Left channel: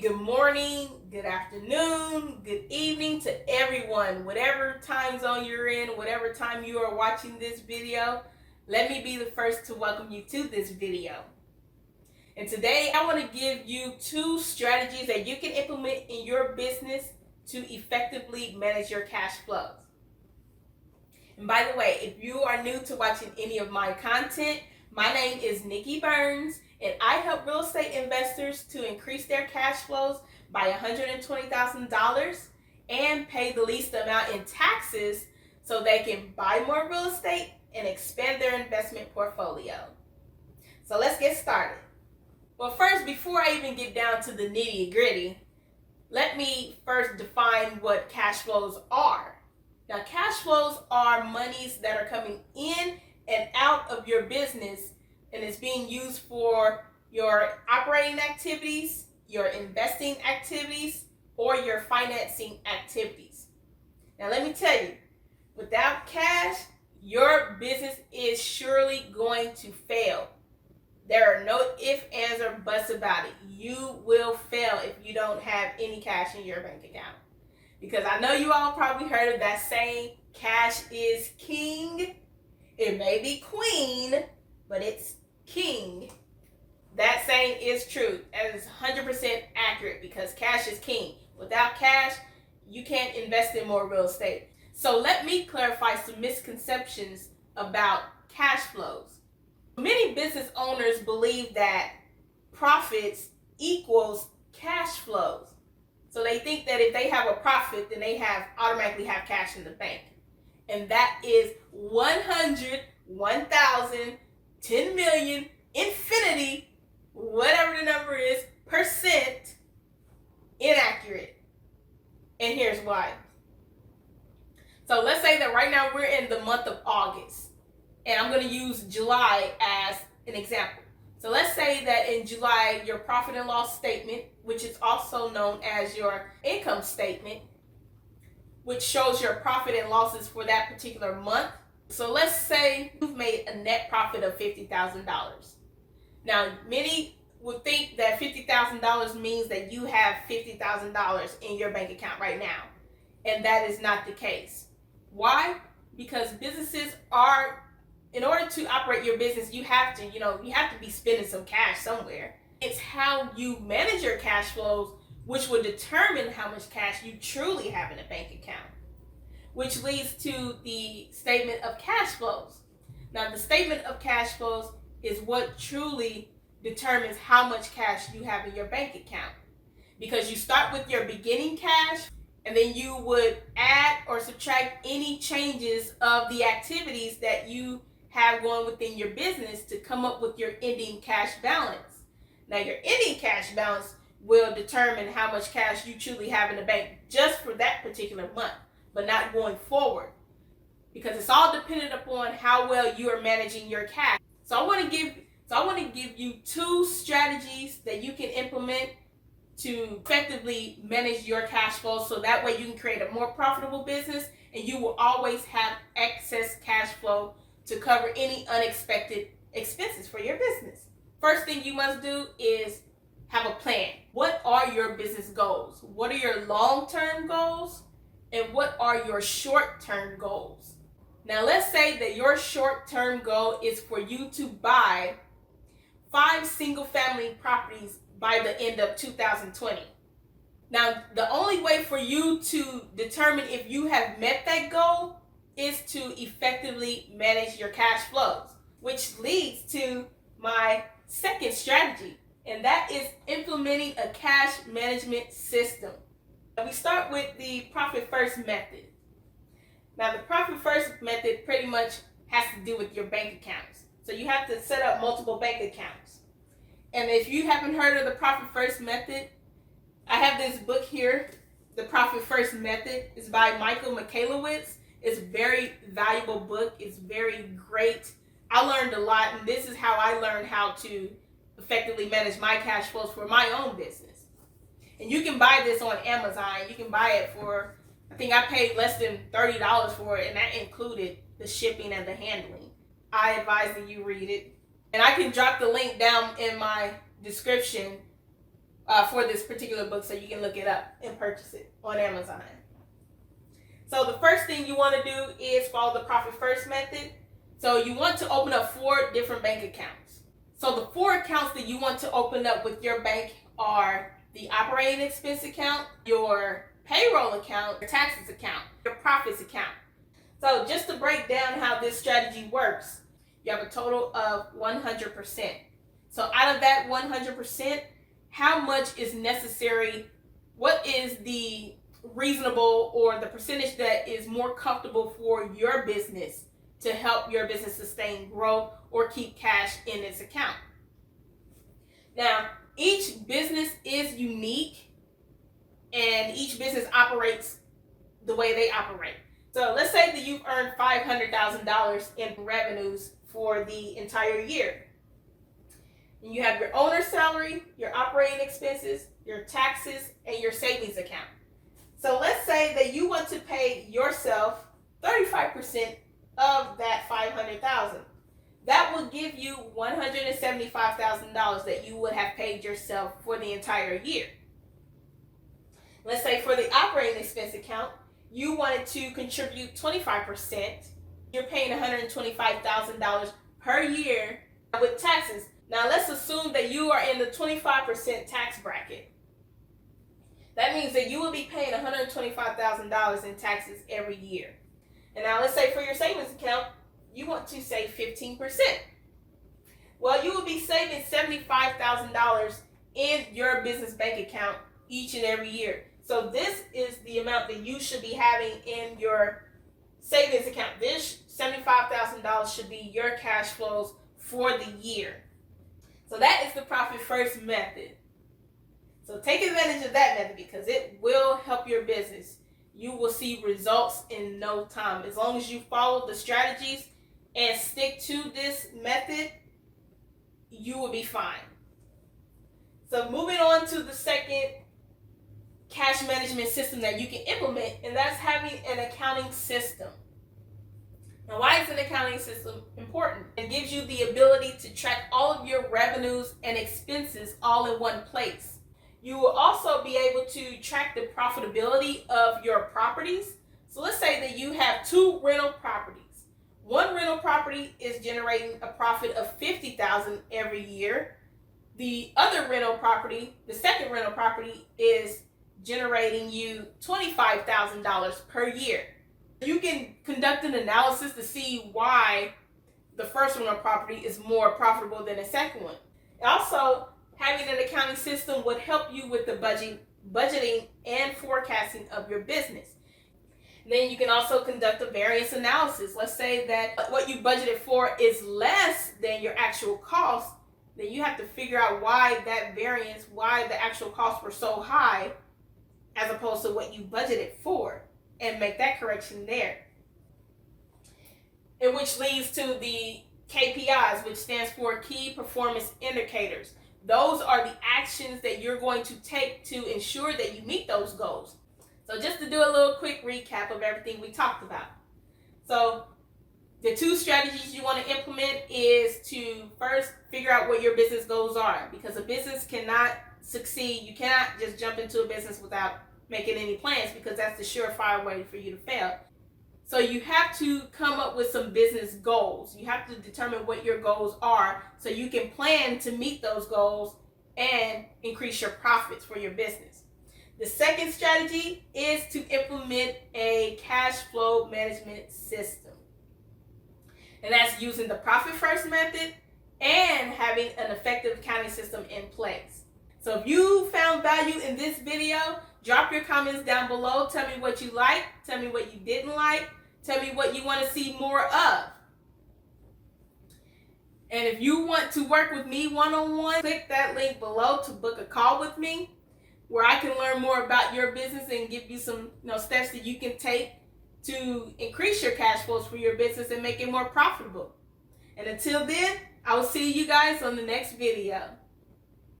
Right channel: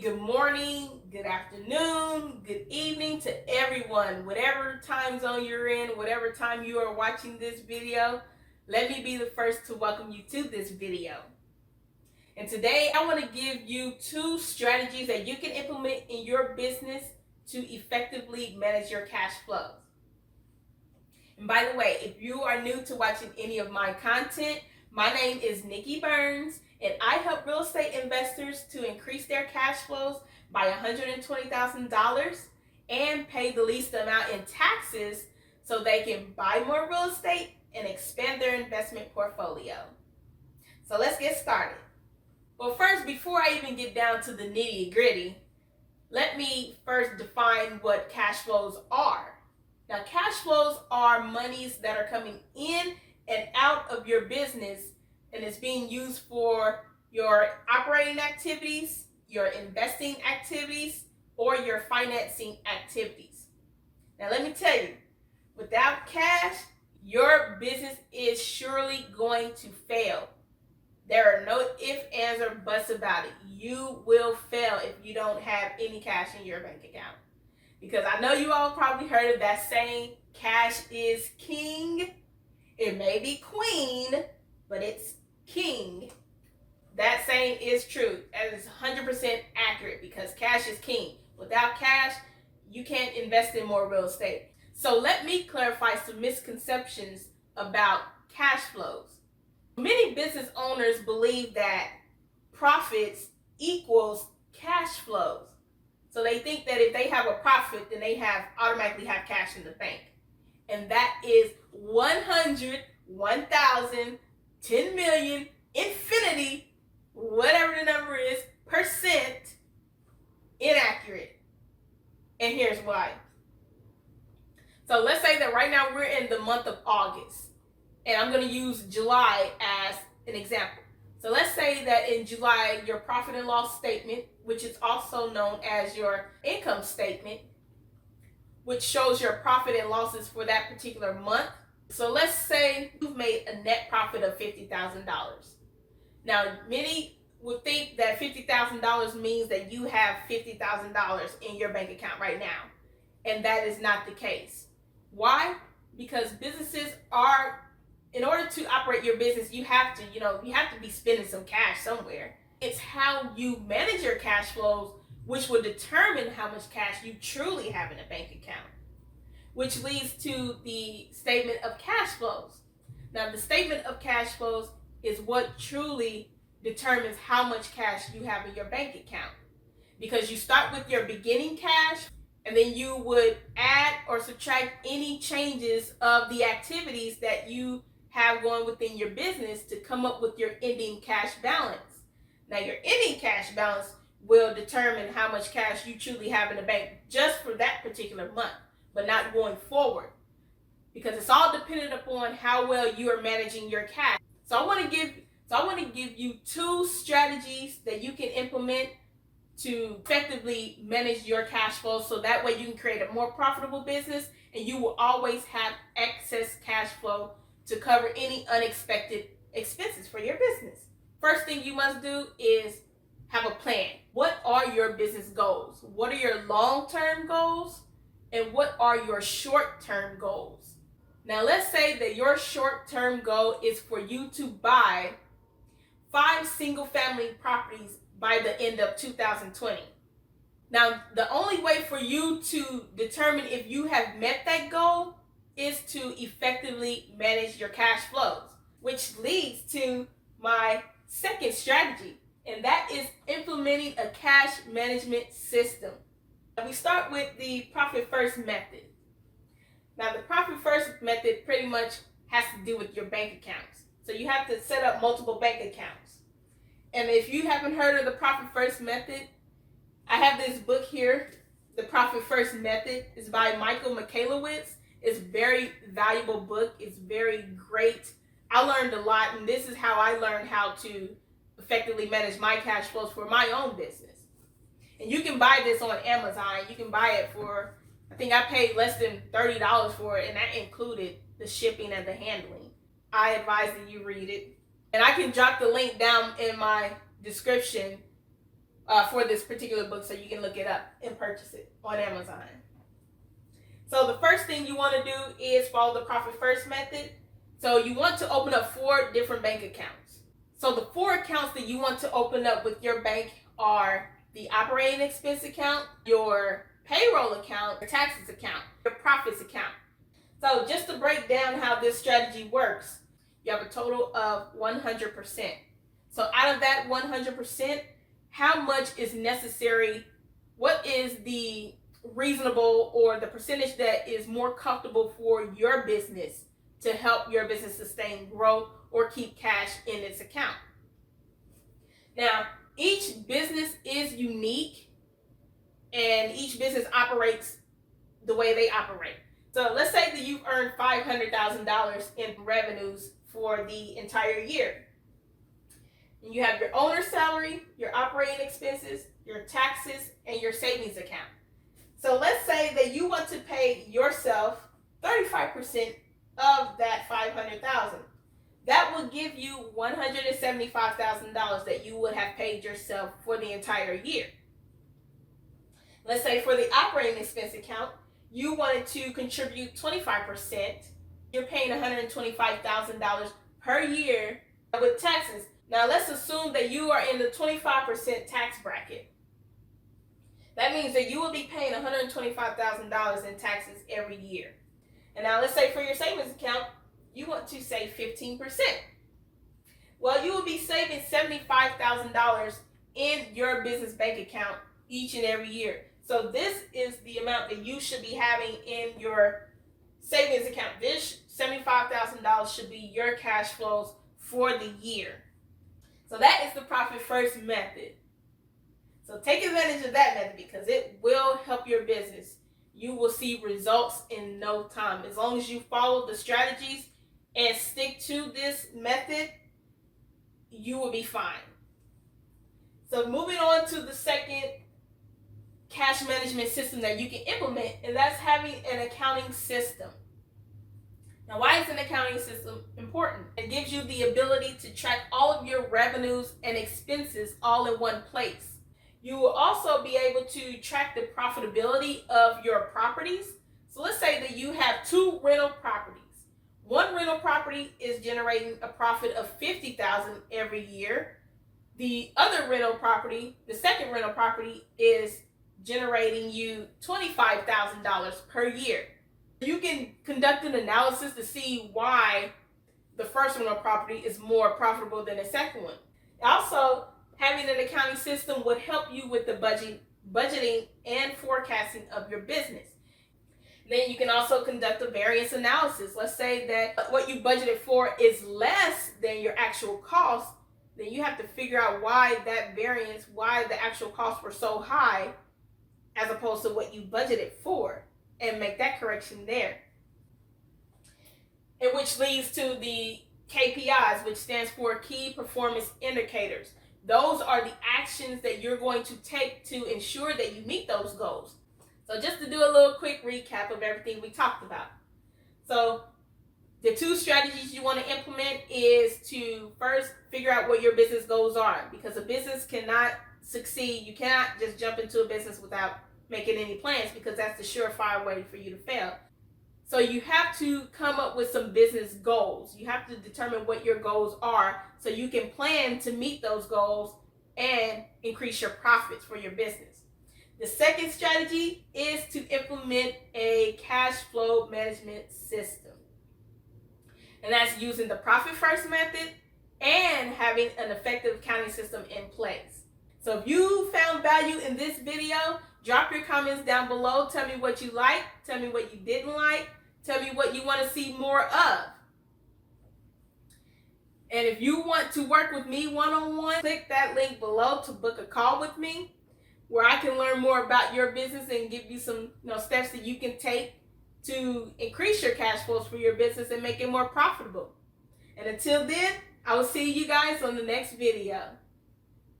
good morning, good afternoon, good evening to everyone. Whatever time zone you're in, whatever time you are watching this video, let me be the first to welcome you to this video. And today I want to give you 2 strategies that you can implement in your business to effectively manage your cash flows. And by the way, if you are new to watching any of my content, my name is Nikki Burns, and I help real estate investors to increase their cash flows by $120,000 and pay the least amount in taxes so they can buy more real estate and expand their investment portfolio. So let's get started. Well, first, before I even get down to the nitty-gritty, let me first define what cash flows are. Now, cash flows are monies that are coming in and out of your business, and it's being used for your operating activities, your investing activities, or your financing activities. Now, let me tell you, without cash, your business is surely going to fail. There are no ifs, ands, or buts about it. You will fail if you don't have any cash in your bank account. Because I know you all probably heard of that saying, cash is king. It may be queen, but it's king. That saying is true. That is 100% accurate because cash is king. Without cash, you can't invest in more real estate. So let me clarify some misconceptions about cash flows. Many business owners believe that profits equals cash flows. So they think that if they have a profit, then they automatically have cash in the bank. And that is 100, 1,000, 10 million, infinity, whatever the number is, percent inaccurate. And here's why. So let's say that right now we're in the month of August, and I'm going to use July as an example. So let's say that in July, your profit and loss statement, which is also known as your income statement, which shows your profit and losses for that particular month. So let's say you've made a net profit of $50,000. Now, many would think that $50,000 means that you have $50,000 in your bank account right now. And that is not the case. Why? Because businesses are, in order to operate your business, you have to be spending some cash somewhere. It's how you manage your cash flows which will determine how much cash you truly have in a bank account, which leads to the statement of cash flows. Now, the statement of cash flows is what truly determines how much cash you have in your bank account, because you start with your beginning cash, and then you would add or subtract any changes of the activities that you have going within your business to come up with your ending cash balance. Now, your ending cash balance will determine how much cash you truly have in the bank just for that particular month, but not going forward, because it's all dependent upon how well you are managing your cash. So I want to give you 2 strategies that you can implement to effectively manage your cash flow, so that way you can create a more profitable business and you will always have excess cash flow to cover any unexpected expenses for your business. First thing you must do is have a plan. What are your business goals? What are your long-term goals? And what are your short-term goals? Now, let's say that your short-term goal is for you to buy 5 single-family properties by the end of 2020. Now, the only way for you to determine if you have met that goal is to effectively manage your cash flows, which leads to my second strategy, and that is implementing a cash management system. And we start with the profit first method. Now, the profit first method pretty much has to do with your bank accounts. So you have to set up multiple bank accounts. And if you haven't heard of the profit first method, I have this book here, The Profit First Method. It's by Michael Michalowicz. It's a very valuable book. It's very great. I learned a lot, and this is how I learned how to effectively manage my cash flows for my own business. And you can buy this on Amazon. You can buy it for, I think I paid less than $30 for it, and that included the shipping and the handling. I advise that you read it. And I can drop the link down in my description for this particular book, so you can look it up and purchase it on Amazon. So the first thing you want to do is follow the profit first method. So you want to open up 4 different bank accounts. So the 4 accounts that you want to open up with your bank are the operating expense account, your payroll account, your taxes account, your profits account. So just to break down how this strategy works, you have a total of 100%. So out of that 100%, how much is necessary? What is the reasonable or the percentage that is more comfortable for your business to help your business sustain growth or keep cash in its account? Now, each business is unique and each business operates the way they operate. So let's say that you've earned $500,000 in revenues for the entire year. And you have your owner's salary, your operating expenses, your taxes, and your savings account. So let's say that you want to pay yourself 35% of that $500,000. That will give you $175,000 that you would have paid yourself for the entire year. Let's say for the operating expense account, you wanted to contribute 25%. You're paying $125,000 per year with taxes. Now let's assume that you are in the 25% tax bracket. That means that you will be paying $125,000 in taxes every year. And now let's say for your savings account, you want to save 15%. Well, you will be saving $75,000 in your business bank account each and every year. So this is the amount that you should be having in your savings account. This $75,000 should be your cash flows for the year. So that is the profit first method. So take advantage of that method because it will help your business. You will see results in no time. As long as you follow the strategies and stick to this method, you will be fine. So moving on to the second cash management system that you can implement, and that's having an accounting system. Now, why is an accounting system important? It gives you the ability to track all of your revenues and expenses all in one place. You will also be able to track the profitability of your properties. So let's say that you have 2 rental properties. One rental property is generating a profit of $50,000 every year. The other rental property, the second rental property, is generating you $25,000 per year. You can conduct an analysis to see why the first rental property is more profitable than the second one. Also, having an accounting system would help you with the budgeting and forecasting of your business. Then you can also conduct a variance analysis. Let's say that what you budgeted for is less than your actual cost. Then you have to figure out why that variance, why the actual costs were so high as opposed to what you budgeted for, and make that correction there. And which leads to the KPIs, which stands for Key Performance Indicators. Those are the actions that you're going to take to ensure that you meet those goals. So just to do a little quick recap of everything we talked about. So the 2 strategies you want to implement is to first figure out what your business goals are, because a business cannot succeed. You cannot just jump into a business without making any plans, because that's the surefire way for you to fail. So you have to come up with some business goals. You have to determine what your goals are so you can plan to meet those goals and increase your profits for your business. The second strategy is to implement a cash flow management system. And that's using the profit first method and having an effective accounting system in place. So if you found value in this video, drop your comments down below. Tell me what you liked. Tell me what you didn't like. Tell me what you want to see more of. And if you want to work with me one-on-one, click that link below to book a call with me where I can learn more about your business and give you some steps that you can take to increase your cash flows for your business and make it more profitable. And until then, I will see you guys on the next video.